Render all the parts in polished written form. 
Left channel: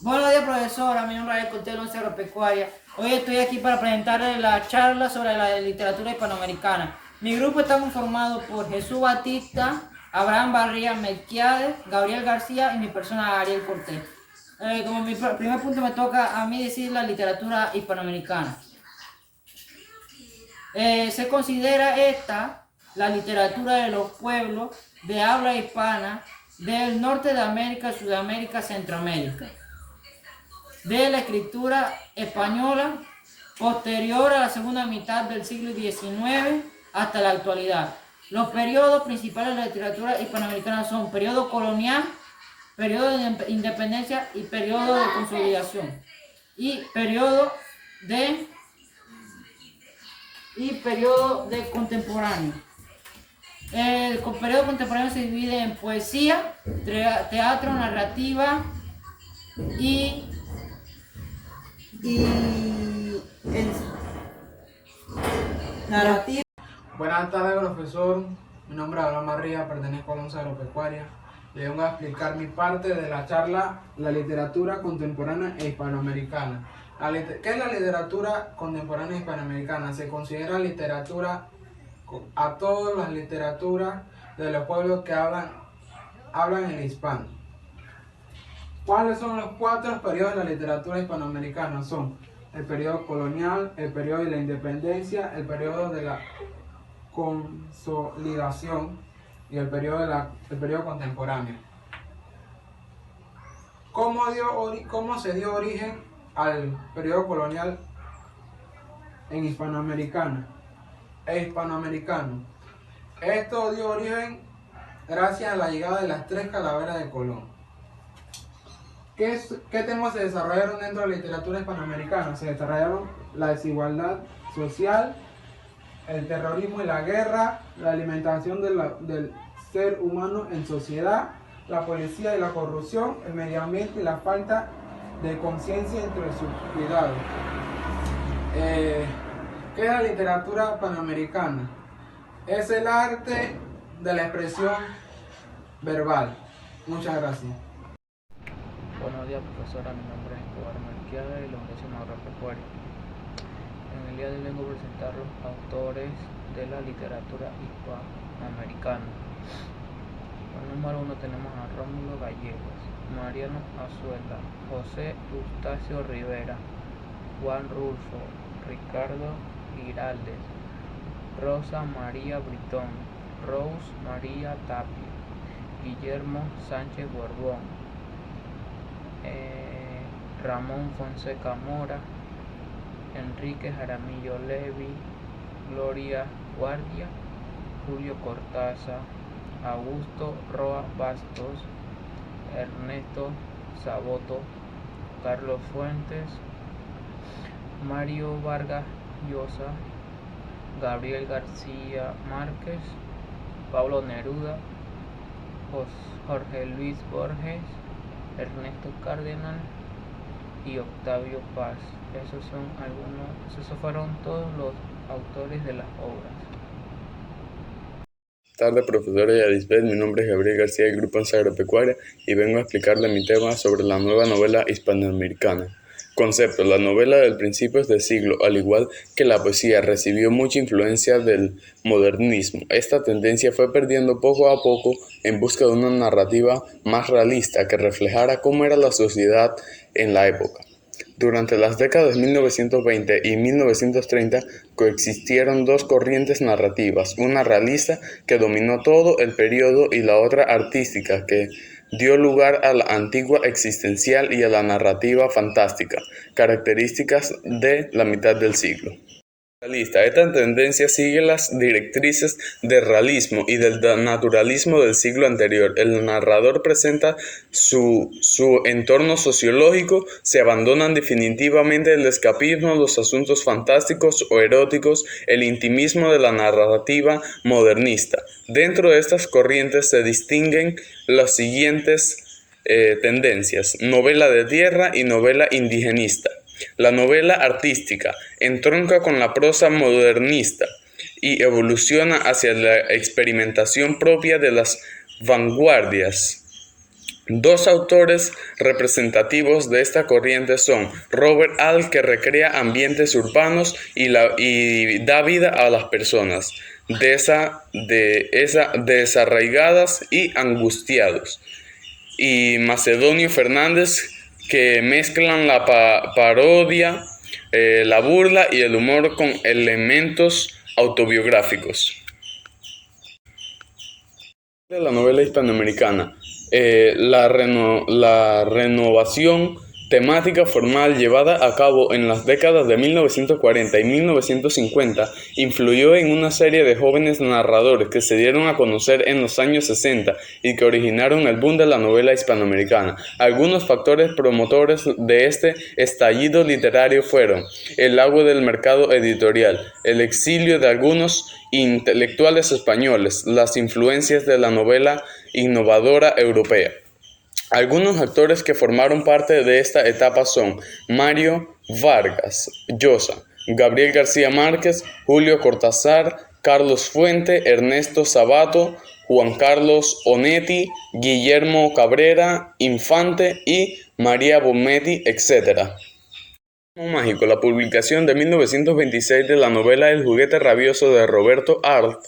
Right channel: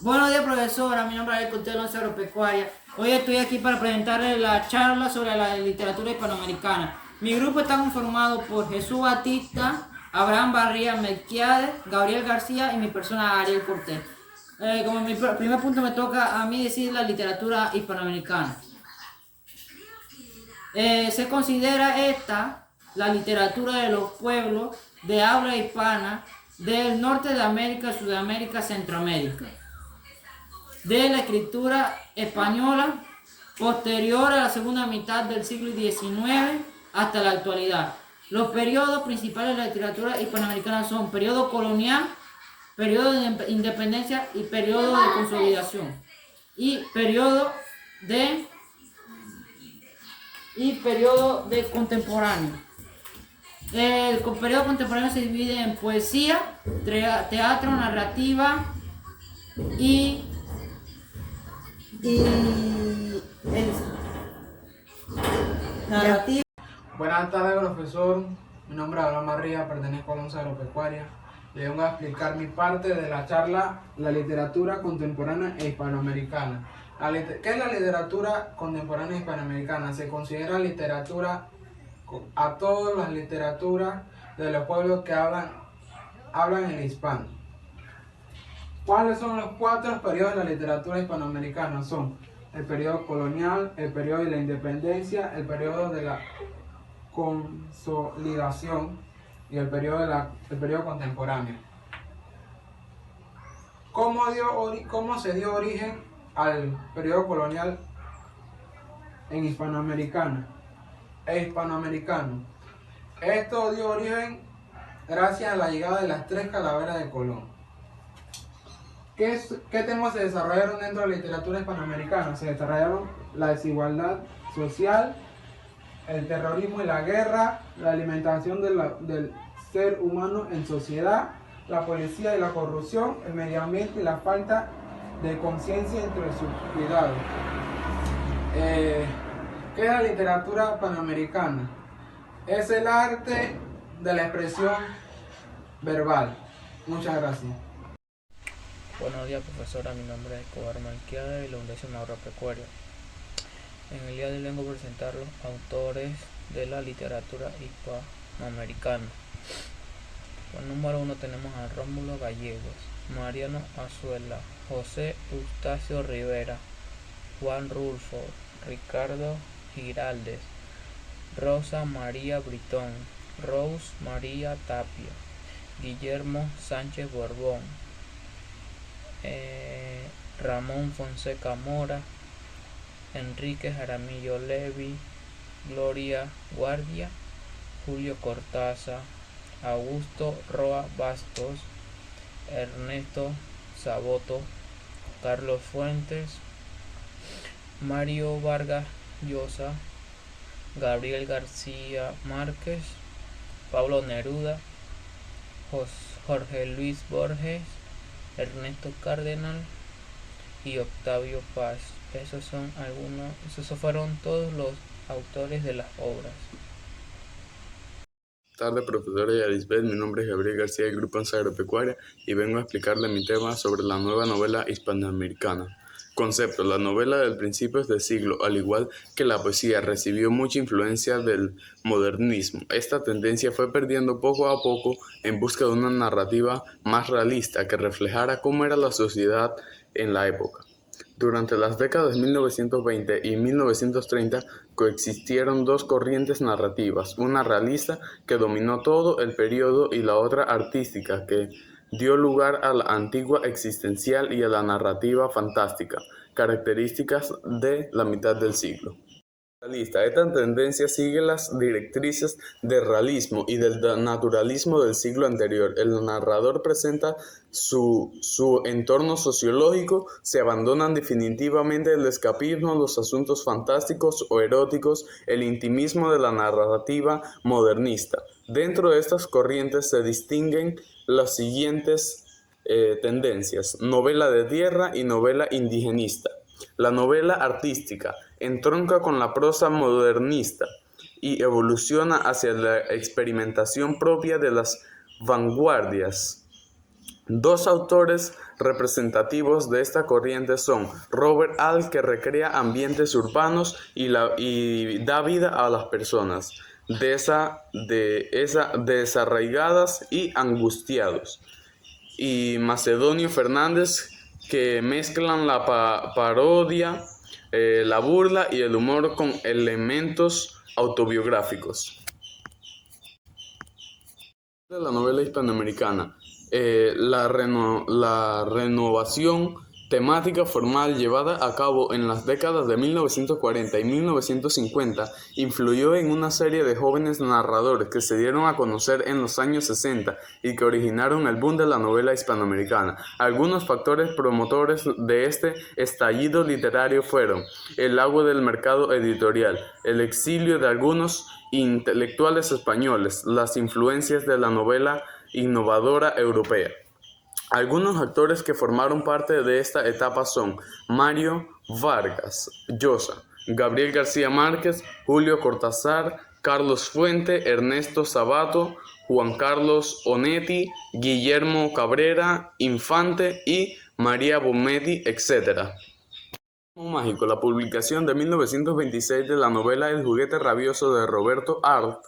Buenos días, profesora. Mi nombre es Alberto Alonso Agropecuaria. Hoy estoy aquí para presentarles la charla sobre la literatura hispanoamericana. Mi grupo está conformado por Jesús Batista, Abraham Barría Melquiades, Gabriel García y mi persona Ariel Cortés. Como mi primer punto me toca a mí decir la literatura hispanoamericana. Se considera esta la literatura de los pueblos de habla hispana del norte de América, Sudamérica, Centroamérica, de la escritura española posterior a la segunda mitad del siglo XIX hasta la actualidad. Los periodos principales de la literatura hispanoamericana son periodo colonial, periodo de independencia y periodo de consolidación y de periodo de contemporáneo. El periodo contemporáneo se divide en poesía, teatro, narrativa y el narrativo. Buenas tardes, profesor. Mi nombre es Abraham Barría, pertenezco a la Once Agropecuaria. Le vengo a explicar mi parte de la charla La literatura contemporánea e hispanoamericana. ¿Qué es la literatura contemporánea e hispanoamericana? Se considera literatura a todas las literaturas de los pueblos que hablan el hispano. ¿Cuáles son los 4 periodos de la literatura hispanoamericana? Son el periodo colonial, el periodo de la independencia, el periodo de la consolidación y el periodo contemporáneo. ¿Cómo se dio origen al periodo colonial en hispanoamericano? Esto dio origen gracias a la llegada de las 3 calaveras de Colón. ¿Qué temas se desarrollaron dentro de la literatura hispanoamericana? Se desarrollaron la desigualdad social, el terrorismo y la guerra, la alimentación del ser humano en sociedad, la policía y la corrupción, el medio ambiente y la falta de conciencia entre sus cuidados. ¿Qué es la literatura panamericana? Es el arte de la expresión verbal. Muchas gracias. Buenos días, profesora. Mi nombre es Escobar Melquiades de la Universidad Agropecuaria. En el día de hoy vengo a presentar los autores de la literatura hispanoamericana. Por número 1 tenemos a Rómulo Gallegos, Mariano Azuela, José Eustacio Rivera, Juan Rulfo, Ricardo Giraldes, Rosa María Britón, Rose María Tapia, Guillermo Sánchez Borbón, Ramón Fonseca Mora, Enrique Jaramillo Levi, Gloria Guardia, Julio Cortázar, Augusto Roa Bastos, Ernesto Saboto, Carlos Fuentes, Mario Vargas Llosa, Gabriel García Márquez, Pablo Neruda, Jorge Luis Borges, Ernesto Cardenal y Octavio Paz. Esos fueron todos los autores de las obras. Buenas tardes, profesora Yarisbeth. Mi nombre es Gabriel García del Grupo Once Agropecuaria y vengo a explicarle mi tema sobre la nueva novela hispanoamericana. Concepto: la novela del principios de siglo, al igual que la poesía, recibió mucha influencia del modernismo. Esta tendencia fue perdiendo poco a poco en busca de una narrativa más realista que reflejara cómo era la sociedad en la época. Durante las décadas de 1920 y 1930 coexistieron dos corrientes narrativas, una realista que dominó todo el periodo y la otra artística que dio lugar a la antigua existencial y a la narrativa fantástica, características de la mitad del siglo. Esta tendencia sigue las directrices del realismo y del naturalismo del siglo anterior. El narrador presenta su entorno sociológico, se abandonan definitivamente el escapismo, los asuntos fantásticos o eróticos, el intimismo de la narrativa modernista. Dentro de estas corrientes se distinguen las siguientes tendencias: novela de tierra y novela indigenista. La novela artística entronca con la prosa modernista y evoluciona hacia la experimentación propia de las vanguardias. Dos autores representativos de esta corriente son Robert Alt, que recrea ambientes urbanos y da vida a las personas desarraigadas y angustiados, y Macedonio Fernández, que mezclan la parodia, la burla y el humor con elementos autobiográficos. La novela hispanoamericana. La renovación temática formal llevada a cabo en las décadas de 1940 y 1950 influyó en una serie de jóvenes narradores que se dieron a conocer en los años 60 y que originaron el boom de la novela hispanoamericana. Algunos factores promotores de este estallido literario fueron el auge del mercado editorial, el exilio de algunos intelectuales españoles, las influencias de la novela innovadora europea. Algunos actores que formaron parte de esta etapa son Mario Vargas Llosa, Gabriel García Márquez, Julio Cortázar, Carlos Fuente, Ernesto Sabato, Juan Carlos Onetti, Guillermo Cabrera Infante y María Bonetti, etc. Mágico. La publicación de 1926 de la novela El juguete rabioso de Roberto Arlt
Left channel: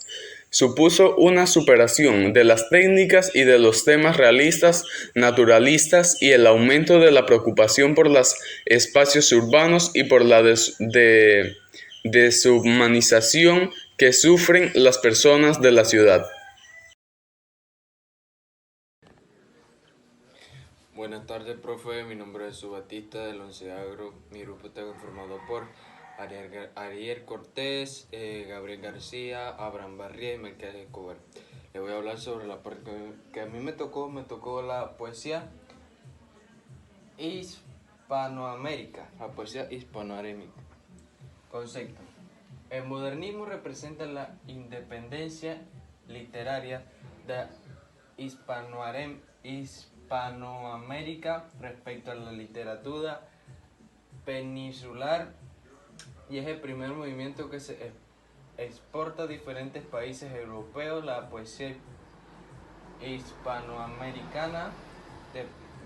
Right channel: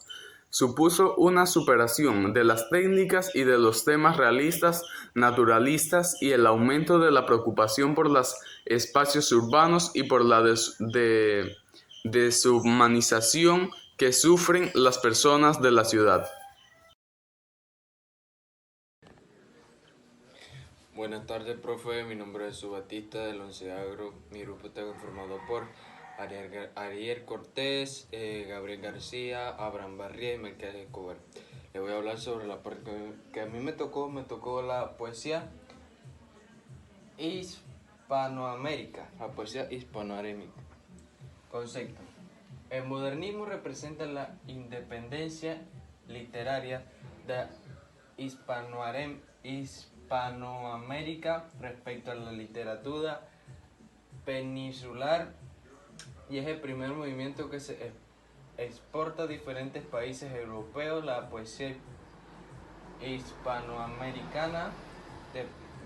supuso una superación de las técnicas y de los temas realistas, naturalistas, y el aumento de la preocupación por los espacios urbanos y por la deshumanización que sufren las personas de la ciudad. Buenas tardes, profe. Mi nombre es Subatista del 11º Grupo. Mi grupo está conformado por Ariel Cortés, Gabriel García, Abraham Barría y Mercedes Escobar. Les voy a hablar sobre la parte que a mí me tocó la poesía hispanoamérica, Concepto. El modernismo representa la independencia literaria de Hispanoamérica respecto a la literatura peninsular, y es el primer movimiento que se exporta a diferentes países europeos. La poesía hispanoamericana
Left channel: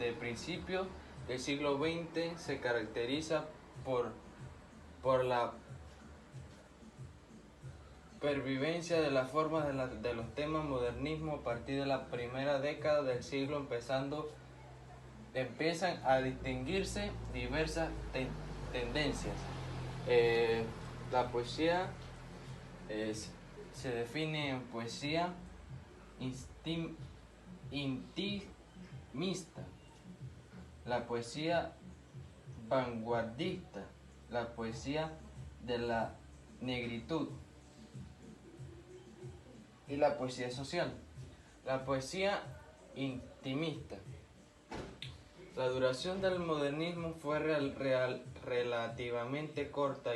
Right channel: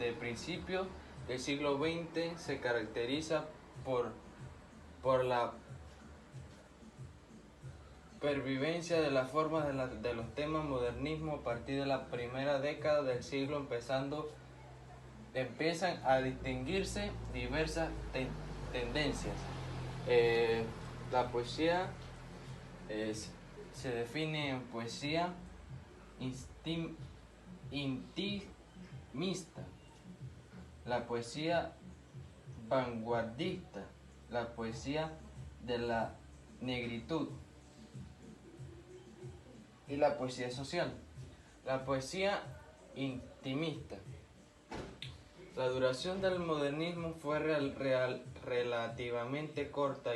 de principios del siglo XX se caracteriza por la pervivencia de las formas de los temas modernismo a partir de la primera década del siglo, empiezan a distinguirse diversas tendencias. La poesía se define en poesía intimista, la poesía vanguardista, la poesía de la negritud y la poesía social. La poesía intimista. La duración del modernismo fue relativamente corta